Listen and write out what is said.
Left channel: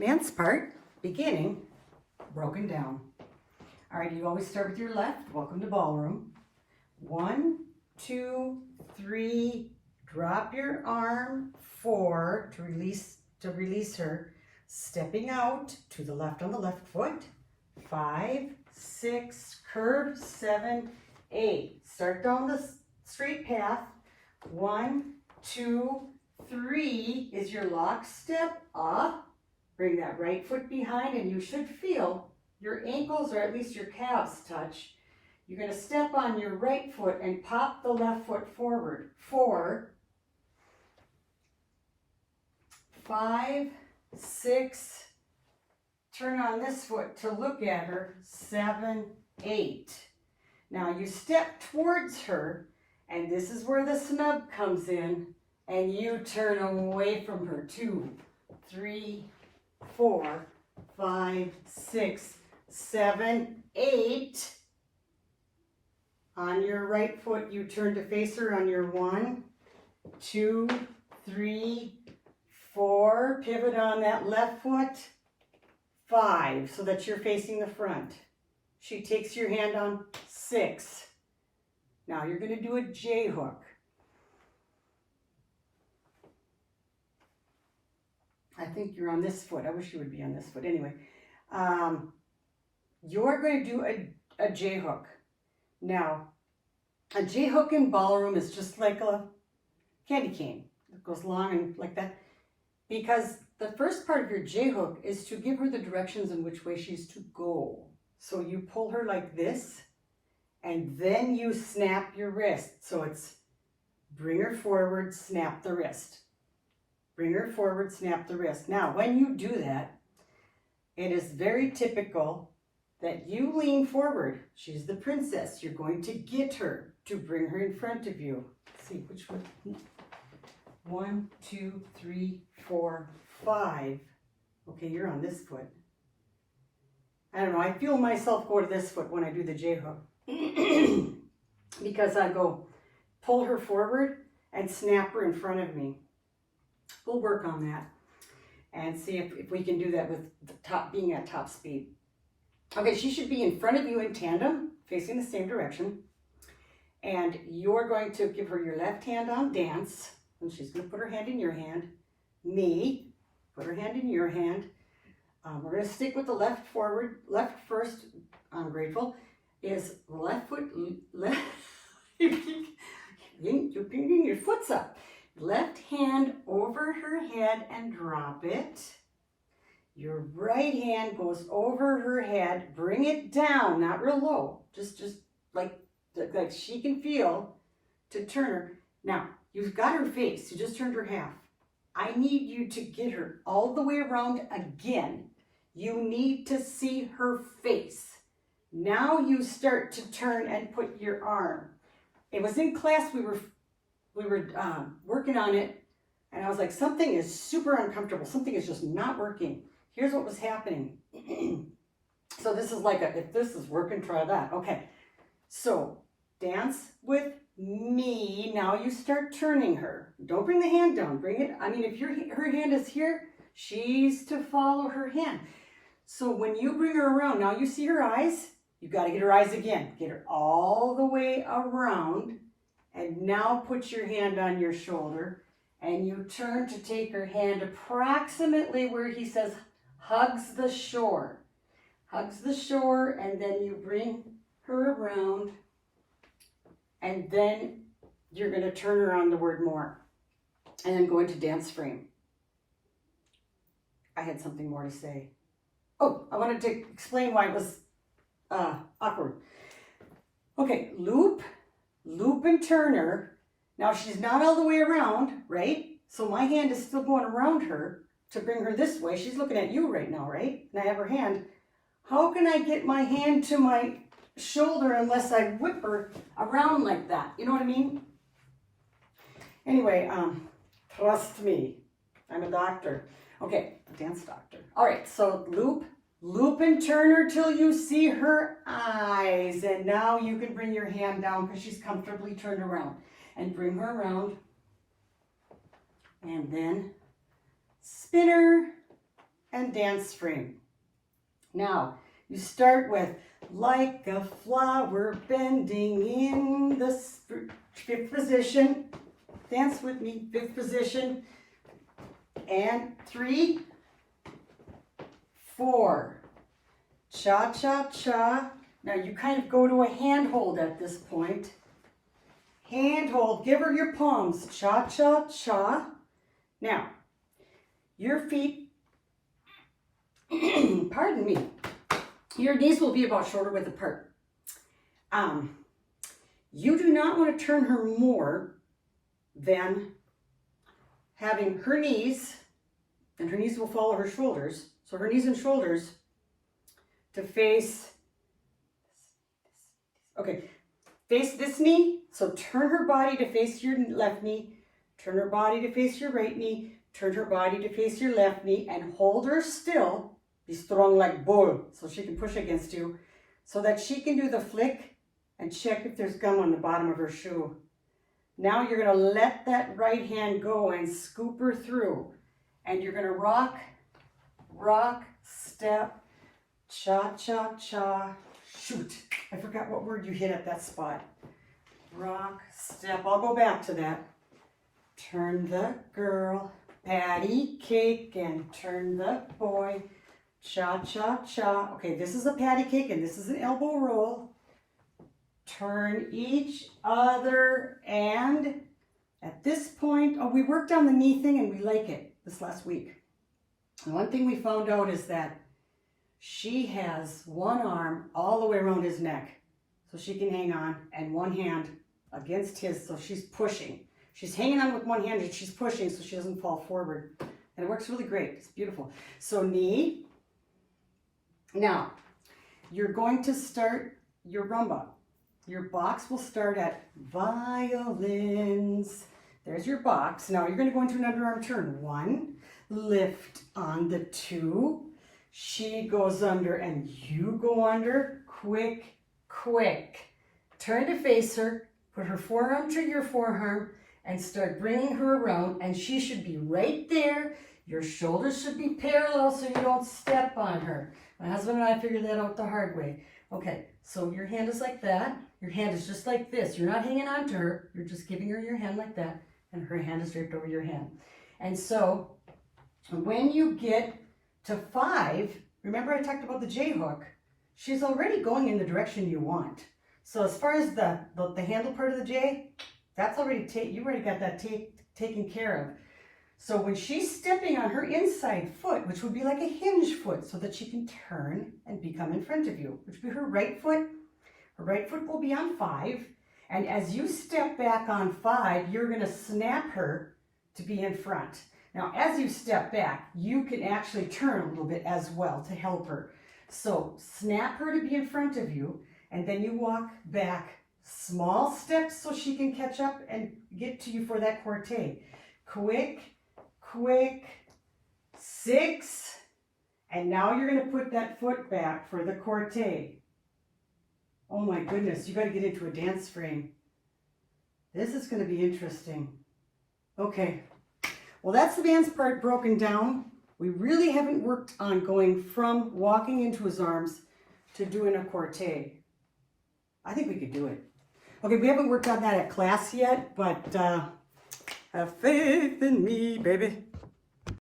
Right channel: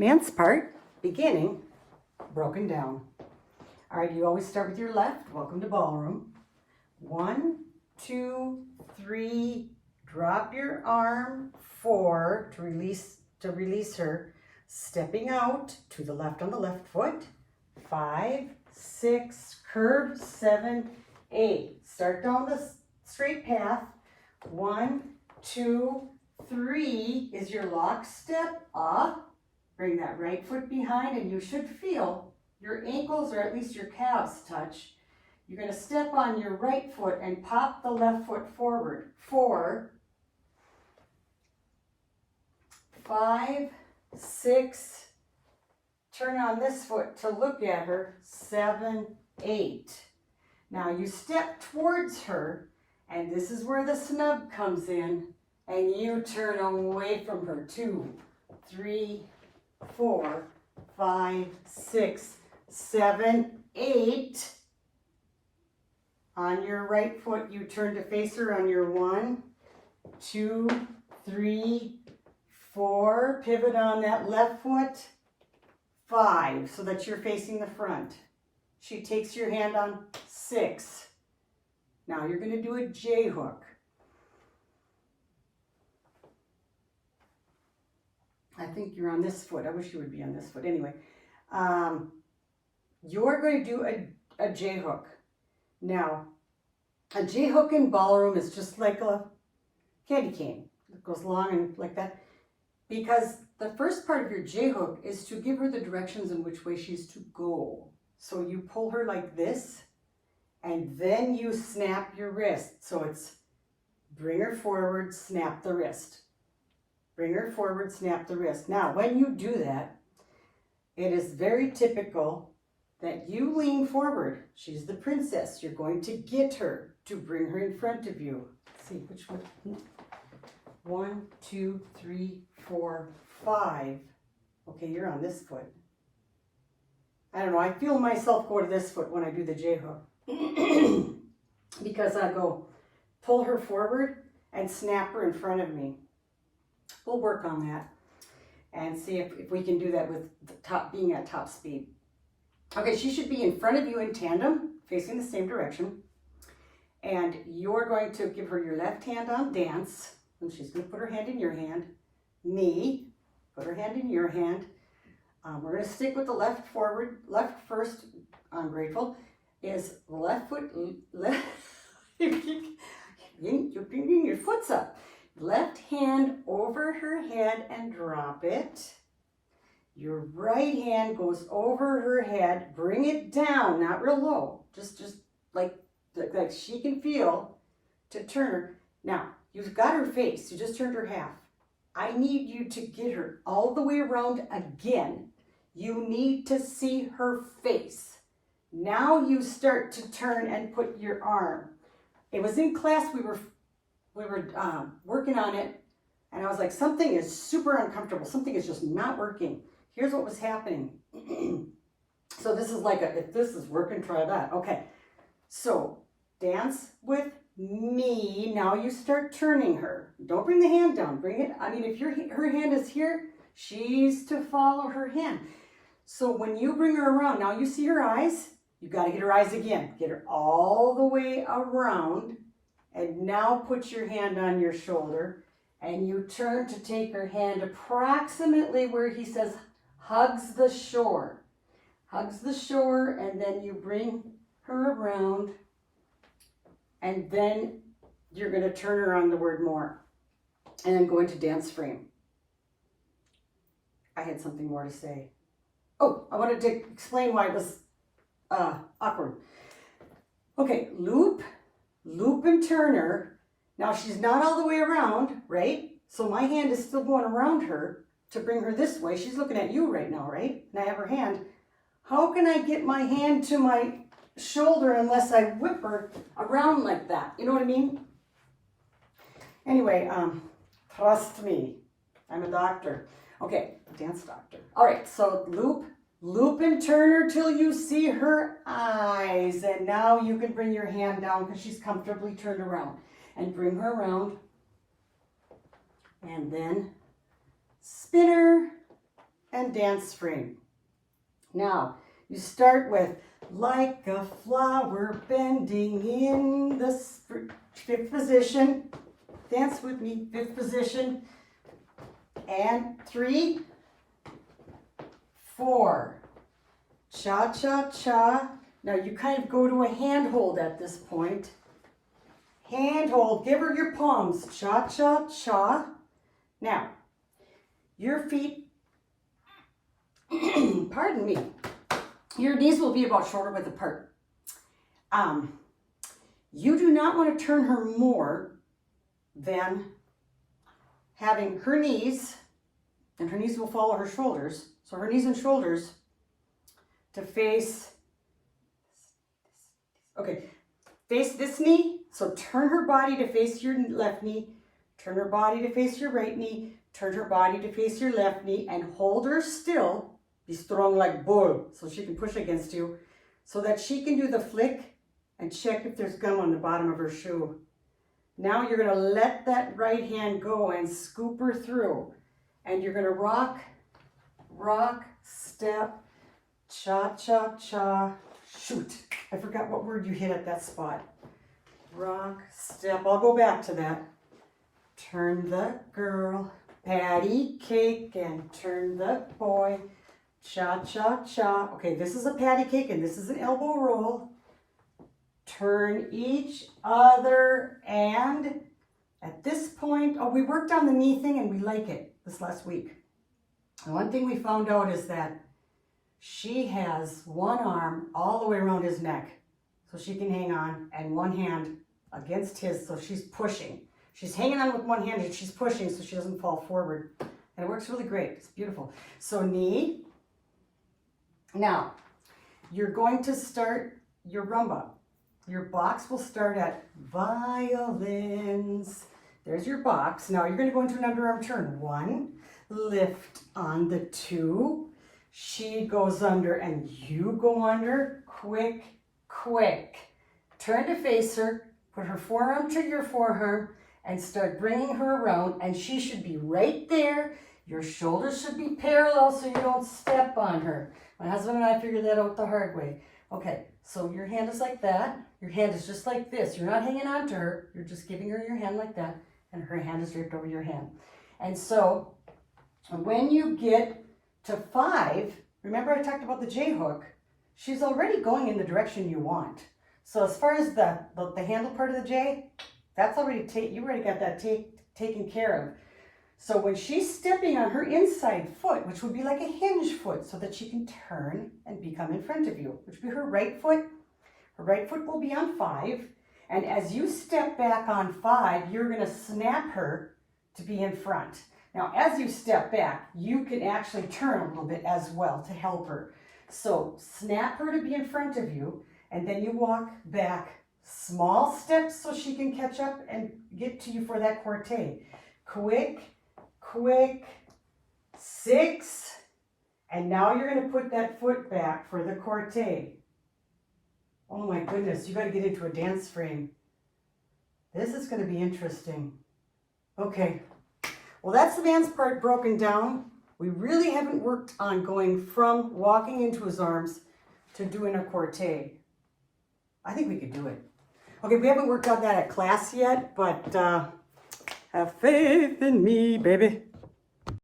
dance part, beginning, broken down. All right, you always start with your left. Welcome to ballroom. 1, 2, 3, drop your arm. 4, to release her. Stepping out to the left on the left foot. 5, 6, curve. 7, 8. Start down the straight path. 1, 2, 3 is your lock step up. Bring that right foot behind and you should feel your ankles or at least your calves touch. You're going to step on your right foot and pop the left foot forward. 4, 5, 6, turn on this foot to look at her. 7, 8. Now you step towards her and this is where the snug comes in and you turn away from her. 2, 3, 4, 5, 6, 7, 8. On your right foot, you turn to face her on your 1, 2, 3, 4. Pivot on that left foot. 5, so that you're facing the front. She takes your hand on 6. Now you're going to do a J hook. I think you're on this foot. I wish you would be on this foot. Anyway, you're going to do a J hook. Now, a J hook in ballroom is just like a candy cane. It goes long and like that. Because the first part of your J hook is to give her the directions in which way she's to go. So you pull her like this, and then you snap your wrist. So it's bring her forward, snap the wrist. Bring her forward, snap the wrist. Now, when you do that, it is very typical that you lean forward. She's the princess. You're going to get her to bring her in front of you. Let's see, which one? 1, 2, 3, 4, 5. Okay, you're on this foot. I don't know. I feel myself go to this foot when I do the J hook. Because I go pull her forward and snap her in front of me. We'll work on that and see if we can do that with the being at top speed. Okay, she should be in front of you in tandem, facing the same direction. And you're going to give her your left hand on dance. And she's going to put her hand in your hand. Me, put her hand in your hand. We're going to stick with the left forward. Left first, I'm grateful, is the left foot. You're bringing your foot's up. Left hand over her head and drop it. Your right hand goes over her head. Bring it down, not real low. Just like she can feel to turn her. Now, you've got her face. You just turned her half. I need you to get her all the way around again. You need to see her face. Now you start to turn and put your arm. It was in class, we were working on it, and I was like, something is super uncomfortable. Something is just not working. Here's what was happening. So this is like if this is working, try that. Okay, so dance with me. Now you start turning her. Don't bring the hand down. Bring it. I mean, if her hand is here, she's to follow her hand. So when you bring her around, now you see her eyes. You got to get her eyes again. Get her all the way around. And now put your hand on your shoulder and you turn to take her hand approximately where he says hugs the shore. Hugs the shore, and then you bring her around and then you're going to turn her on the word more and then go into dance frame. I had something more to say. Oh, I wanted to explain why it was awkward. Okay, loop and turn her. Now she's not all the way around, right? So my hand is still going around her to bring her this way. She's looking at you right now, right? And I have her hand. How can I get my hand to my shoulder unless I whip her around like that? You know what I mean? Anyway, trust me. I'm a doctor. Okay, dance doctor. All right, so loop and turn her till you see her eyes. And now you can bring your hand down because she's comfortably turned around. And bring her around. And then spin her and dance frame. Now, you start with like a flower bending in the fifth position. Dance with me, fifth position. And 3, 4. Cha-cha-cha. Now you kind of go to a handhold at this point. Handhold, give her your palms. Cha-cha-cha. Now, your feet, pardon me, your knees will be about shoulder width apart. You do not want to turn her more than having her knees, and her knees will follow her shoulders, so her knees and shoulders to face, okay, face this knee, so turn her body to face your left knee, turn her body to face your right knee, turn her body to face your left knee, and hold her still. Be strong like bull, so she can push against you, so that she can do the flick and check if there's gum on the bottom of her shoe. Now you're gonna let that right hand go and scoop her through. And you're gonna rock, rock, step, cha-cha-cha, shoot. I forgot what word you hit at that spot. Rock, step, I'll go back to that. Turn the girl, patty cake, and turn the boy. Cha-cha-cha. Okay, this is a patty cake and this is an elbow roll. Turn each other, and at this point, oh, we worked on the knee thing and we like it this last week. And one thing we found out is that she has one arm all the way around his neck so she can hang on, and one hand against his, so she's pushing. She's hanging on with one hand and she's pushing so she doesn't fall forward. And it works really great. It's beautiful. So knee. Now, you're going to start your rumba. Your box will start at violins. There's your box. Now you're going to go into an underarm turn. 1, lift on the 2. She goes under and you go under. Quick, quick. Turn to face her. Put her forearm to your forearm and start bringing her around. And she should be right there. Your shoulders should be parallel so you don't step on her. My husband and I figured that out the hard way. Okay, so your hand is like that. Your hand is just like this. You're not hanging on to her. You're just giving her your hand like that. And her hand is draped over your hand. And so when you get to 5, remember I talked about the J hook. She's already going in the direction you want. So as far as the handle part of the J, that's already you already got that taken care of. So when she's stepping on her inside foot, which would be like a hinge foot, so that she can turn and become in front of you, which would be her right foot will be on 5. And as you step back on 5, you're going to snap her to be in front. Now, as you step back, you can actually turn a little bit as well to help her. So snap her to be in front of you, and then you walk back small steps so she can catch up and get to you for that corte. Quick, quick, 6, and now you're going to put that foot back for the corte. Oh my goodness, you got to get into a dance frame. This is going to be interesting. Okay, well that's the dance part broken down. We really haven't worked on going from walking into his arms to doing a corte. I think we could do it. Okay, we haven't worked on that at class yet, but have faith in me, baby.